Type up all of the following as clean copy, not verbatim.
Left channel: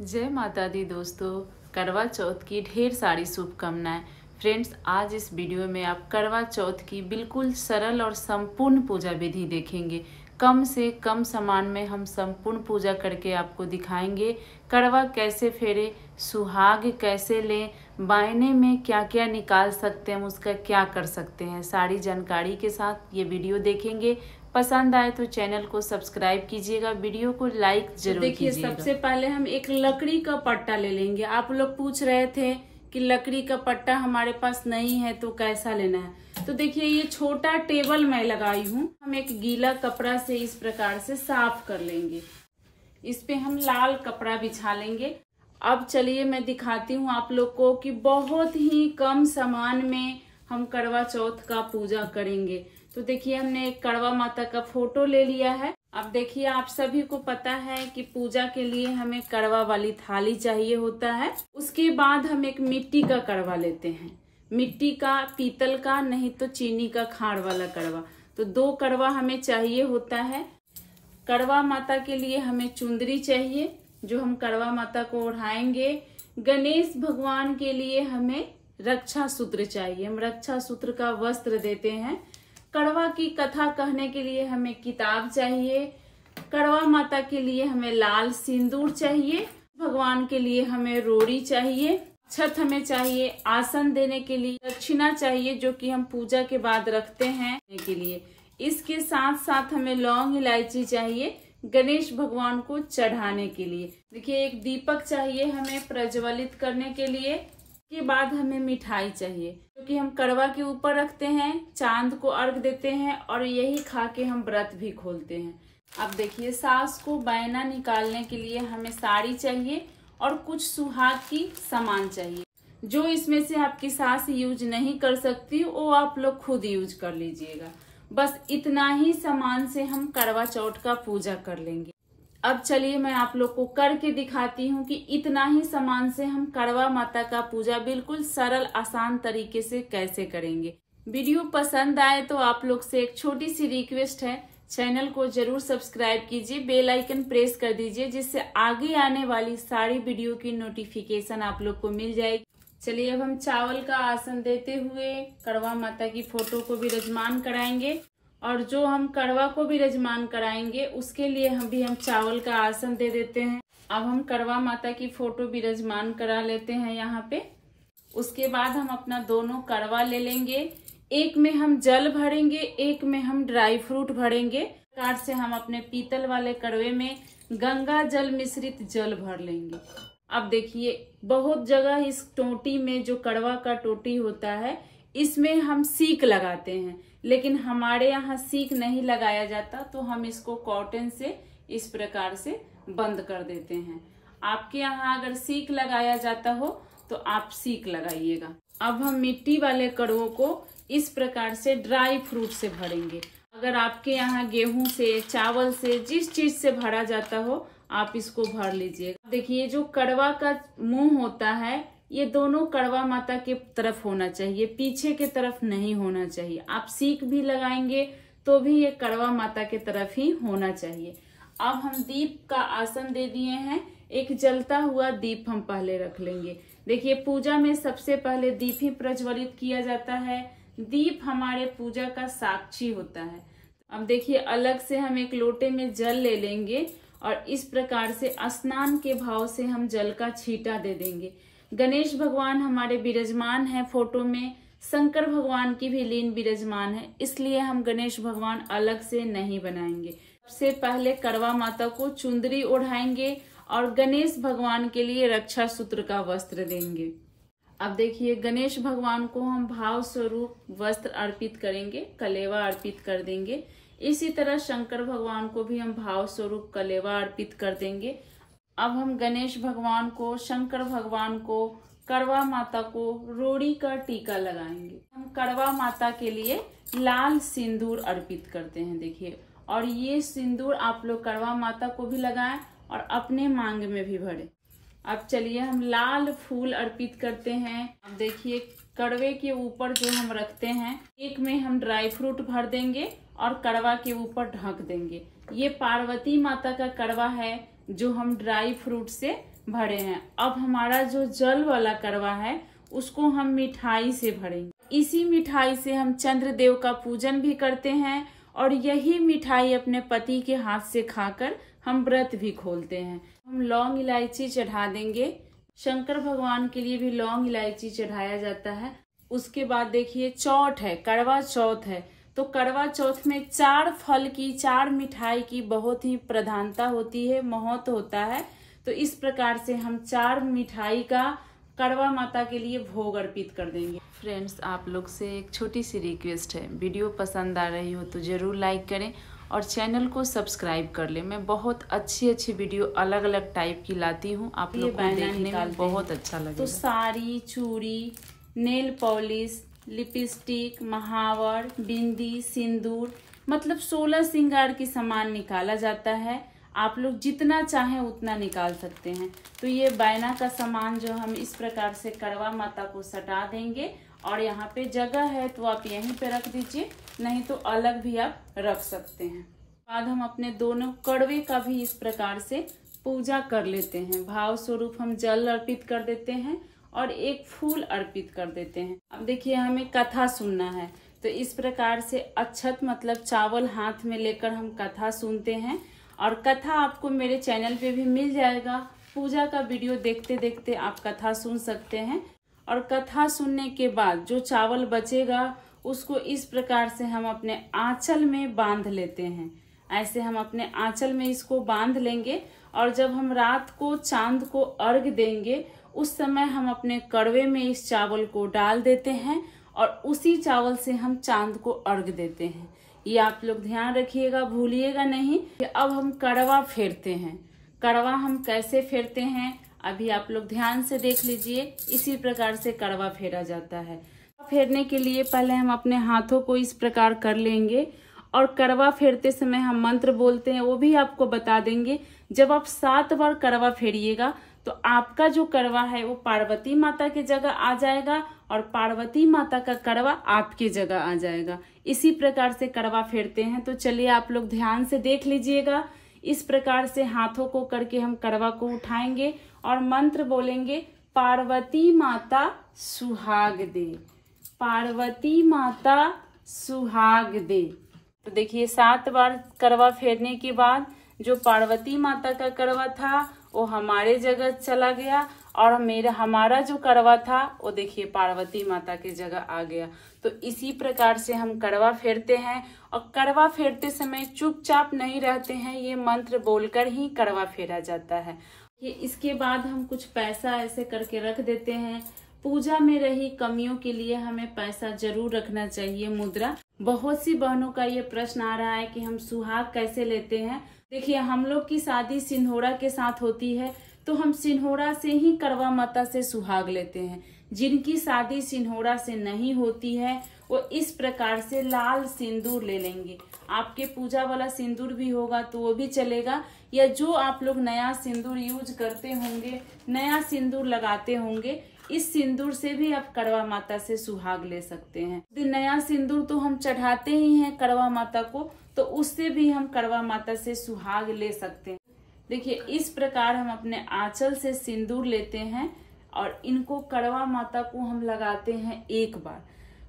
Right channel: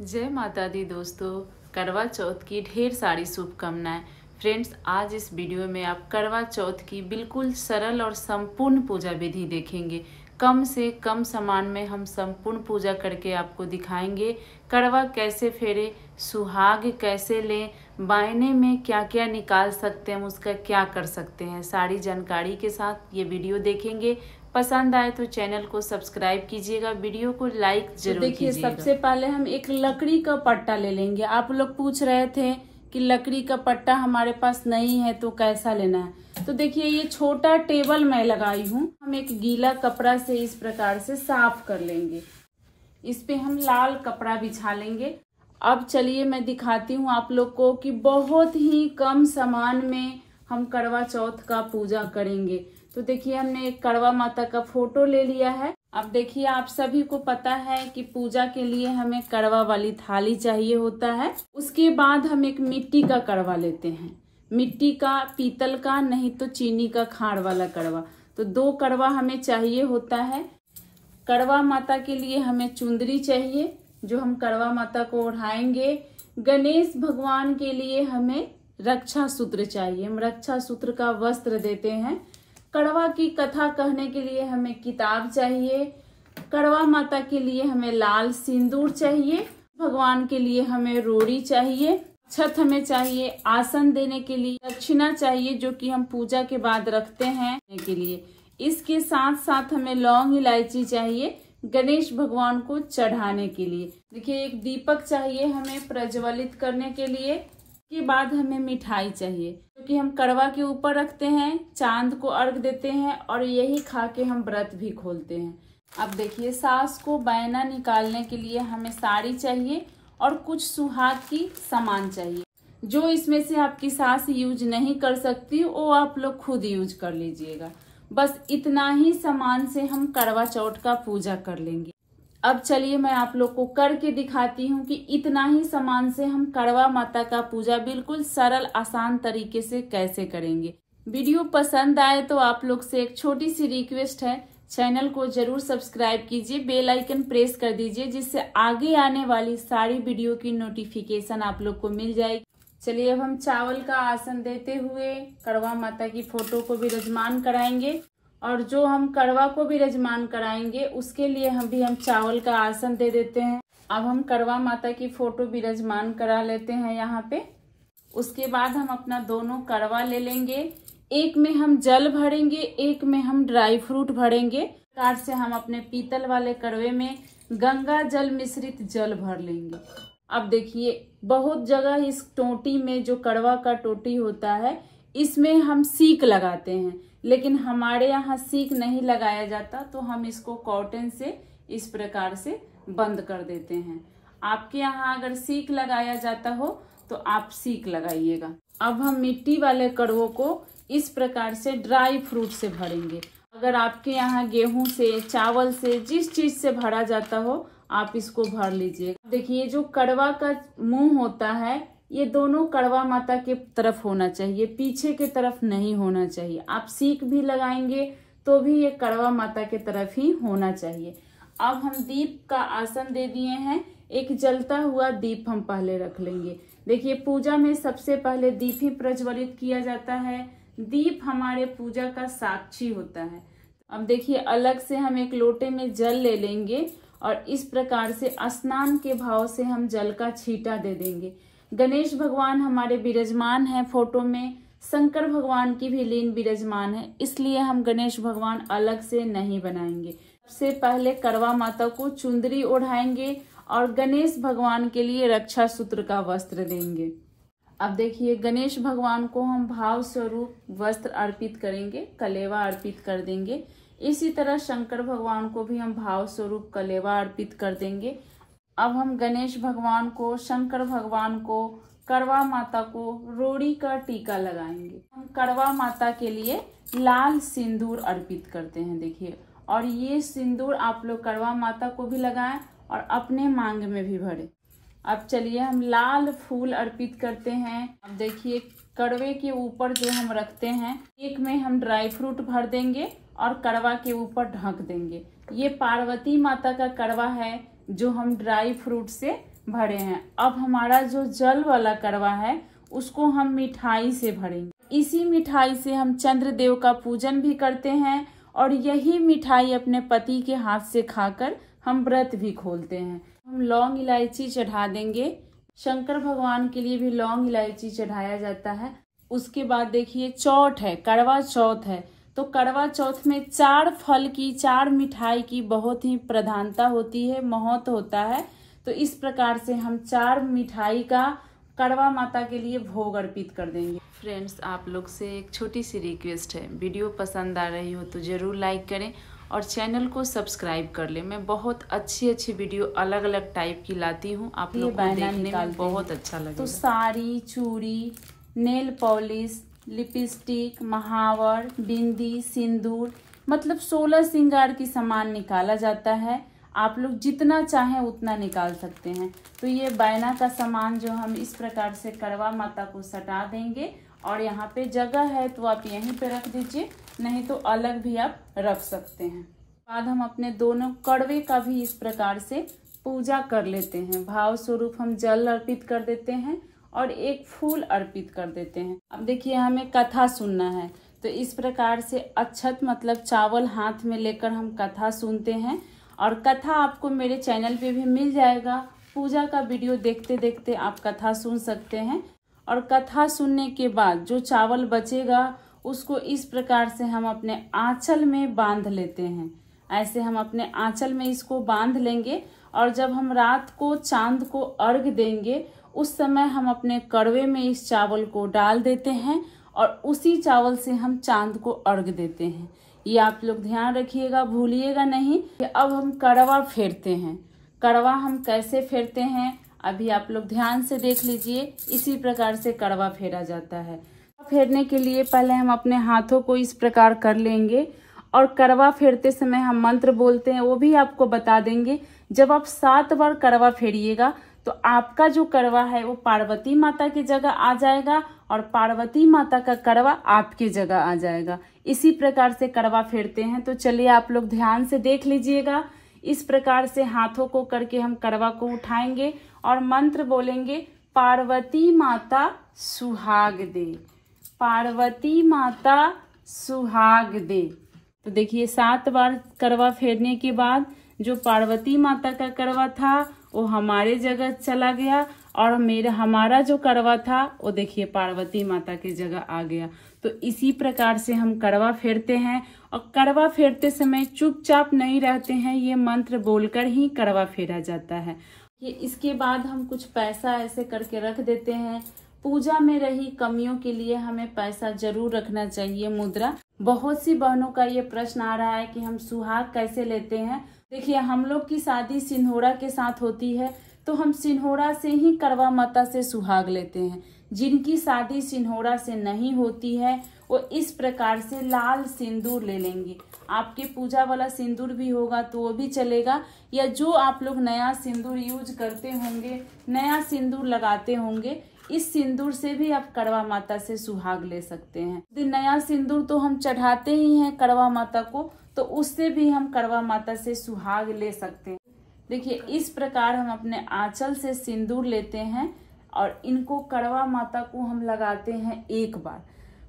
जय माता दी दोस्तों, करवा चौथ की ढेर सारी शुभकामनाएं। फ्रेंड्स, आज इस वीडियो में आप करवा चौथ की बिल्कुल सरल और संपूर्ण पूजा विधि देखेंगे। कम से कम सामान में हम संपूर्ण पूजा करके आपको दिखाएंगे। करवा कैसे फेरे, सुहाग कैसे लें, बायने में क्या क्या निकाल सकते हैं, उसका क्या कर सकते हैं, सारी जानकारी के साथ ये वीडियो देखेंगे। पसंद आए तो चैनल को सब्सक्राइब कीजिएगा, वीडियो को लाइक जरूर कीजिएगा। सबसे पहले हम एक लकड़ी का पट्टा ले लेंगे। आप लोग पूछ रहे थे कि लकड़ी का पट्टा हमारे पास नहीं है तो कैसा लेना है। तो देखिए, ये छोटा टेबल मैं लगाई हूँ। हम एक गीला कपड़ा से इस प्रकार से साफ कर लेंगे। इस पे हम लाल कपड़ा बिछा लेंगे। अब चलिए मैं दिखाती हूँ आप लोग को कि बहुत ही कम सामान में हम करवा चौथ का पूजा करेंगे। तो देखिए, हमने एक करवा माता का फोटो ले लिया है। अब देखिए, आप सभी को पता है कि पूजा के लिए हमें करवा वाली थाली चाहिए होता है। उसके बाद हम एक मिट्टी का करवा लेते हैं, मिट्टी का, पीतल का, नहीं तो चीनी का खाड़ वाला करवा। तो 2 करवा हमें चाहिए होता है। करवा माता के लिए हमें चुंदरी चाहिए जो हम करवा माता को ओढ़ाएंगे। गणेश भगवान के लिए हमें रक्षा सूत्र चाहिए, हम रक्षा सूत्र का वस्त्र देते हैं। करवा की कथा कहने के लिए हमें किताब चाहिए। करवा माता के लिए हमें लाल सिंदूर चाहिए। भगवान के लिए हमें रोड़ी चाहिए। छत हमें चाहिए। आसन देने के लिए दक्षिणा चाहिए जो कि हम पूजा के बाद रखते हैं के लिए। इसके साथ साथ हमें लौंग इलायची चाहिए गणेश भगवान को चढ़ाने के लिए। देखिए, एक दीपक चाहिए हमें प्रज्वलित करने के लिए। के बाद हमें मिठाई चाहिए क्योंकि हम करवा के ऊपर रखते हैं, चांद को अर्घ देते हैं और यही खा के हम व्रत भी खोलते हैं। अब देखिए, सास को बैना निकालने के लिए हमें साड़ी चाहिए और कुछ सुहाग की सामान चाहिए। जो इसमें से आपकी सास यूज नहीं कर सकती वो आप लोग खुद यूज कर लीजिएगा। बस इतना ही सामान से हम करवा चौथ का पूजा कर लेंगे। अब चलिए मैं आप लोग को करके दिखाती हूँ कि इतना ही सामान से हम करवा माता का पूजा बिल्कुल सरल आसान तरीके से कैसे करेंगे। वीडियो पसंद आए तो आप लोग से एक छोटी सी रिक्वेस्ट है, चैनल को जरूर सब्सक्राइब कीजिए, बेल आइकन प्रेस कर दीजिए जिससे आगे आने वाली सारी वीडियो की नोटिफिकेशन आप लोग को मिल जाएगी। चलिए, अब हम चावल का आसन देते हुए करवा माता की फोटो को विराजमान कराएंगे और जो हम करवा को विराजमान कराएंगे उसके लिए हम चावल का आसन दे देते हैं। अब हम करवा माता की फोटो विराजमान करा लेते हैं यहाँ पे। उसके बाद हम अपना दोनों करवा ले लेंगे। एक में हम जल भरेंगे, एक में हम ड्राई फ्रूट भरेंगे। प्रकार से हम अपने पीतल वाले करवे में गंगा जल मिश्रित जल भर लेंगे। अब देखिए, बहुत जगह इस टोटी में जो करवा का टोटी होता है इसमें हम सीक लगाते हैं, लेकिन हमारे यहाँ सीक नहीं लगाया जाता तो हम इसको कॉटन से इस प्रकार से बंद कर देते हैं। आपके यहाँ अगर सीक लगाया जाता हो तो आप सीक लगाइएगा। अब हम मिट्टी वाले करवों को इस प्रकार से ड्राई फ्रूट से भरेंगे। अगर आपके यहाँ गेहूं से, चावल से, जिस चीज से भरा जाता हो आप इसको भर लीजिए। देखिए, जो करवा का मुंह होता है ये दोनों करवा माता के तरफ होना चाहिए, पीछे के तरफ नहीं होना चाहिए। आप सीक भी लगाएंगे तो भी ये करवा माता के तरफ ही होना चाहिए। अब हम दीप का आसन दे दिए हैं। एक जलता हुआ दीप हम पहले रख लेंगे। देखिए, पूजा में सबसे पहले दीप ही प्रज्वलित किया जाता है। दीप हमारे पूजा का साक्षी होता है। अब देखिए, अलग से हम एक लोटे में जल ले लेंगे और इस प्रकार से स्नान के भाव से हम जल का छींटा दे देंगे। गणेश भगवान हमारे विराजमान है फोटो में, शंकर भगवान की भी लीन विराजमान है, इसलिए हम गणेश भगवान अलग से नहीं बनाएंगे। सबसे पहले करवा माता को चुंदरी ओढ़ाएंगे और गणेश भगवान के लिए रक्षा सूत्र का वस्त्र देंगे। अब देखिए, गणेश भगवान को हम भाव स्वरूप वस्त्र अर्पित करेंगे, कलेवा अर्पित कर देंगे। इसी तरह शंकर भगवान को भी हम भाव स्वरूप कलेवा अर्पित कर देंगे। अब हम गणेश भगवान को, शंकर भगवान को, करवा माता को रोड़ी का टीका लगाएंगे। हम करवा माता के लिए लाल सिंदूर अर्पित करते हैं। देखिए, और ये सिंदूर आप लोग करवा माता को भी लगाएं और अपने मांग में भी भरें। अब चलिए, हम लाल फूल अर्पित करते हैं। अब देखिए, कड़वे के ऊपर जो हम रखते हैं, एक में हम ड्राई फ्रूट भर देंगे और करवा के ऊपर ढक देंगे। ये पार्वती माता का करवा है जो हम ड्राई फ्रूट से भरे हैं। अब हमारा जो जल वाला करवा है उसको हम मिठाई से भरेंगे। इसी मिठाई से हम चंद्रदेव का पूजन भी करते हैं और यही मिठाई अपने पति के हाथ से खाकर हम व्रत भी खोलते हैं। हम लौंग इलायची चढ़ा देंगे। शंकर भगवान के लिए भी लौंग इलायची चढ़ाया जाता है। उसके बाद देखिए चौथ है, करवा चौथ है, तो करवा चौथ में 4 फल की 4 मिठाई की बहुत ही प्रधानता होती है, महत्व होता है। तो इस प्रकार से हम 4 मिठाई का करवा माता के लिए भोग अर्पित कर देंगे। फ्रेंड्स, आप लोग से एक छोटी सी रिक्वेस्ट है, वीडियो पसंद आ रही हो तो ज़रूर लाइक करें और चैनल को सब्सक्राइब कर लें। मैं बहुत अच्छी वीडियो अलग अलग टाइप की लाती हूँ, आप लोग को देखने में बहुत अच्छा लगेगा। तो साड़ी, चूड़ी, नेल पॉलिश, लिपस्टिक, महावर, बिंदी, सिंदूर, मतलब 16 श्रृंगार की सामान निकाला जाता है। आप लोग जितना चाहें उतना निकाल सकते हैं। तो ये बैना का सामान जो हम इस प्रकार से करवा माता को सटा देंगे और यहाँ पे जगह है तो आप यहीं पे रख दीजिए, नहीं तो अलग भी आप रख सकते हैं। बाद हम अपने दोनों कड़वे का भी इस प्रकार से पूजा कर लेते हैं। भाव स्वरूप हम जल अर्पित कर देते हैं और एक फूल अर्पित कर देते हैं। अब देखिए हमें कथा सुनना है, तो इस प्रकार से अक्षत मतलब चावल हाथ में लेकर हम कथा सुनते हैं और कथा आपको मेरे चैनल पे भी मिल जाएगा। पूजा का वीडियो देखते देखते आप कथा सुन सकते हैं और कथा सुनने के बाद जो चावल बचेगा उसको इस प्रकार से हम अपने आंचल में बांध लेते हैं। ऐसे हम अपने आंचल में इसको बांध लेंगे और जब हम रात को चांद को अर्घ देंगे उस समय हम अपने कड़वे में इस चावल को डाल देते हैं और उसी चावल से हम चांद को अर्घ देते हैं। ये आप लोग ध्यान रखिएगा, भूलिएगा नहीं। अब हम कड़वा फेरते हैं। कड़वा हम कैसे फेरते हैं अभी आप लोग ध्यान से देख लीजिए। इसी प्रकार से कड़वा फेरा जाता है। फेरने के लिए पहले हम अपने हाथों को इस प्रकार कर लेंगे और कड़वा फेरते समय हम मंत्र बोलते हैं, वो भी आपको बता देंगे। जब आप 7 बार कड़वा फेरिएगा तो आपका जो कड़वा है वो पार्वती माता की जगह आ जाएगा और पार्वती माता का कड़वा आपकी जगह आ जाएगा। इसी प्रकार से कड़वा फेरते हैं। तो चलिए आप लोग ध्यान से देख लीजिएगा। इस प्रकार से हाथों को करके हम कड़वा को उठाएंगे और मंत्र बोलेंगे, पार्वती माता सुहाग दे, पार्वती माता सुहाग दे। तो देखिए 7 बार कड़वा फेरने के बाद जो पार्वती माता का कड़वा था वो हमारे जगह चला गया और हमारा जो कड़वा था वो देखिए पार्वती माता की जगह आ गया। तो इसी प्रकार से हम कड़वा फेरते हैं और कड़वा फेरते समय चुपचाप नहीं रहते हैं, ये मंत्र बोलकर ही कड़वा फेरा जाता है। ये इसके बाद हम कुछ पैसा ऐसे करके रख देते हैं। पूजा में रही कमियों के लिए हमें पैसा जरूर रखना चाहिए, मुद्रा। बहुत सी बहनों का ये प्रश्न आ रहा है कि हम सुहाग कैसे लेते हैं। देखिए हम लोग की शादी सिन्होरा के साथ होती है तो हम सिन्होरा से ही करवा माता से सुहाग लेते हैं। जिनकी शादी सिन्होरा से नहीं होती है वो इस प्रकार से लाल सिंदूर ले लेंगे। आपके पूजा वाला सिंदूर भी होगा तो वो भी चलेगा, या जो आप लोग नया सिंदूर यूज करते होंगे, नया सिंदूर लगाते होंगे, इस सिंदूर से भी आप करवा माता से सुहाग ले सकते हैं। नया सिंदूर तो हम चढ़ाते ही हैं करवा माता को, तो उससे भी हम करवा माता से सुहाग ले सकते हैं। देखिए इस प्रकार हम अपने आंचल से सिंदूर लेते हैं और इनको करवा माता को हम लगाते हैं 1 बार।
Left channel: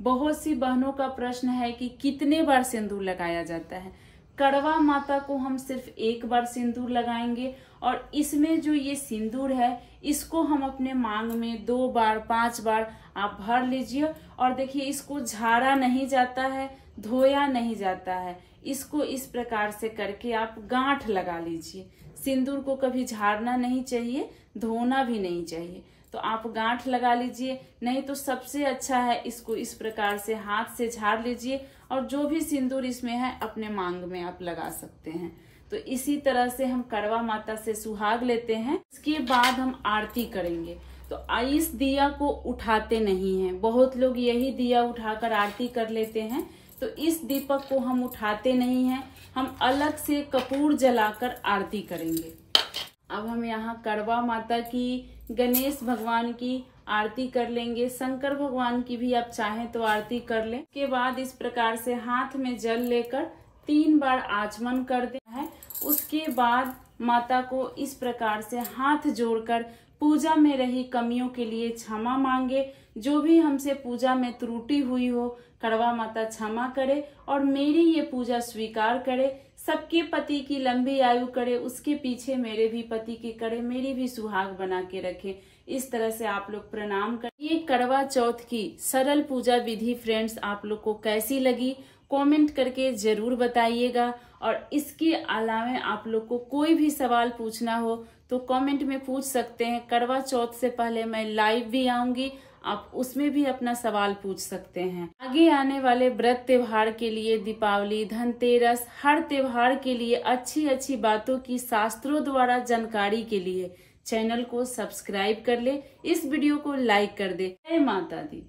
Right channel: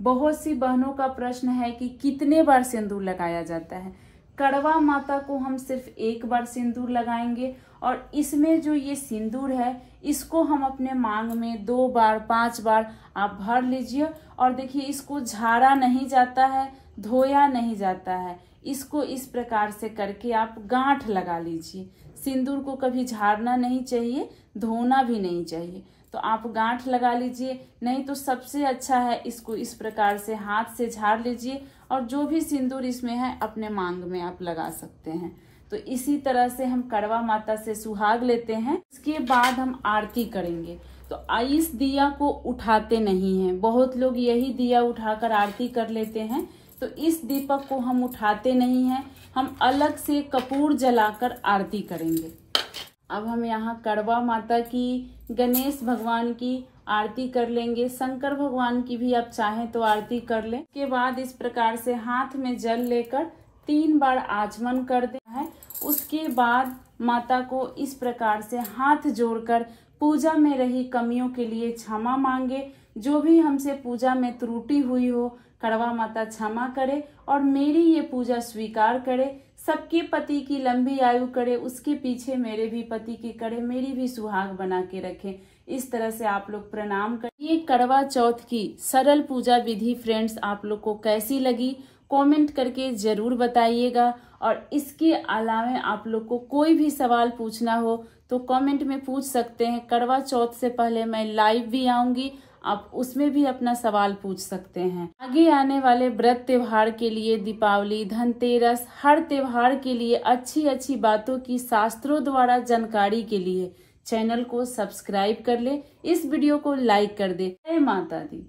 बहुत सी बहनों का प्रश्न है कि कितने बार सिंदूर लगाया जाता है। करवा माता को हम सिर्फ 1 बार सिंदूर लगाएंगे और इसमें जो ये सिंदूर है इसको हम अपने मांग में 2 बार 5 बार आप भर लीजिए। और देखिए इसको झाड़ा नहीं जाता है, धोया नहीं जाता है। इसको इस प्रकार से करके आप गांठ लगा लीजिए। सिंदूर को कभी झाड़ना नहीं चाहिए, धोना भी नहीं चाहिए। तो आप गांठ लगा लीजिए, नहीं तो सबसे अच्छा है इसको इस प्रकार से हाथ से झाड़ लीजिए और जो भी सिंदूर इसमें है अपने मांग में आप लगा सकते हैं। तो इसी तरह से हम करवा माता से सुहाग लेते हैं। इसके बाद हम आरती करेंगे। तो इस दिया को उठाते नहीं हैं, बहुत लोग यही दिया उठाकर आरती कर लेते हैं। तो इस दीपक को हम उठाते नहीं हैं, हम अलग से कपूर जलाकर आरती करेंगे। अब हम यहाँ करवा माता की, गणेश भगवान की आरती कर लेंगे। शंकर भगवान की भी आप चाहें तो आरती कर लें। उसके बाद इस प्रकार से हाथ में जल लेकर 3 बार आचमन कर देना है। उसके बाद माता को इस प्रकार से हाथ जोड़कर पूजा में रही कमियों के लिए क्षमा मांगे। जो भी हमसे पूजा में त्रुटि हुई हो कड़वा माता क्षमा करे और मेरी ये पूजा स्वीकार करे। सबके पति की लंबी आयु करे, उसके पीछे मेरे भी पति की करे, मेरी भी सुहाग बना के रखे। इस तरह से आप लोग प्रणाम करें। ये करवा चौथ की सरल पूजा विधि फ्रेंड्स आप लोग को कैसी लगी कमेंट करके जरूर बताइएगा। और इसके अलावा आप लोग को कोई भी सवाल पूछना हो तो कमेंट में पूछ सकते हैं। करवा चौथ से पहले मैं लाइव भी आऊंगी, आप उसमें भी अपना सवाल पूछ सकते हैं। आगे आने वाले व्रत त्योहार के लिए, दीपावली, धनतेरस, हर त्योहार के लिए अच्छी अच्छी बातों की शास्त्रों द्वारा जानकारी के लिए चैनल को सब्सक्राइब कर ले, इस वीडियो को लाइक कर दे। जय माता दी।